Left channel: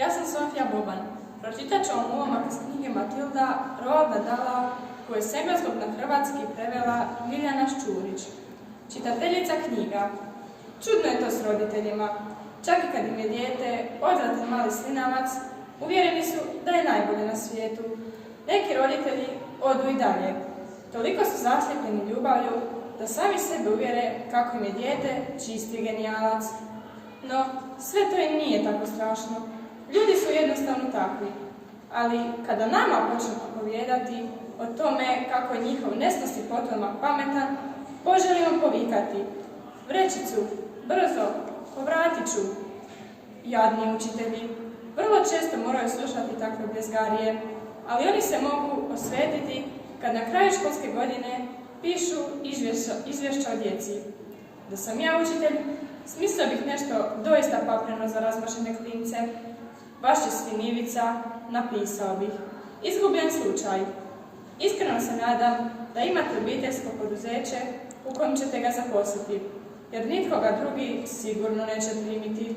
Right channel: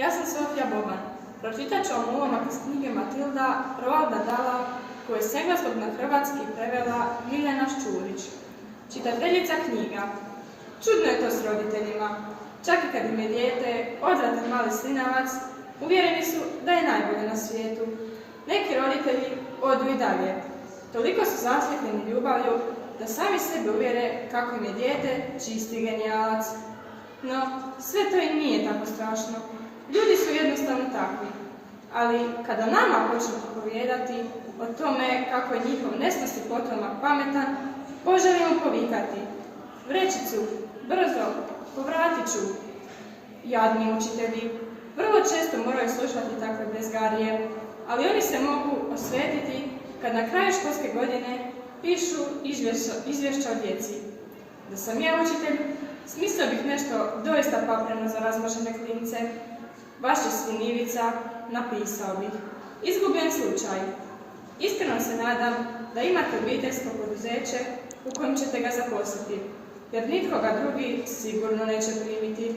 Ja sam Sofija Boban. Pročitat ću vam ulomak iz knjige Matilda Roalda Dahla, koju je s engleskog na hrvatski prevela Ljiljana Šćurić. Čitateljica knjiga. Čudno je to s roditeljima. Čak i kad im je dijete odvratan mali slinavac, uvjereni su da je najbolje na svijetu. Neki roditelji odu i dalje. Toliko su zaslijepljeni ljubavlju da sami sebe uvjere kako im je dijete čisti genijalac. No, sve to i nije tako strašno. Ljudi su jednostavno takvi. Ali kada nama počnu propovijedati o tome kako je njihov nesnosni potomak pametan, poželimo povikati: vrećicu, brzo, povratit ću. Jadni učitelji vrlo često moraju slušati takve bljezgarije, ali oni se mogu osvetiti kad na kraju školske godine pišu izvješća o djeci. Da sam ja učitelj, smislio bih nešto doista papreno za razmažene klince. Vaš je sin Ivica, napisao bih: izgubljen slučaj. Iskreno se nadam da imate obiteljsko poduzeće u kojem ćete ga zaposliti, jer nitko ga drugi sigurno neće primiti.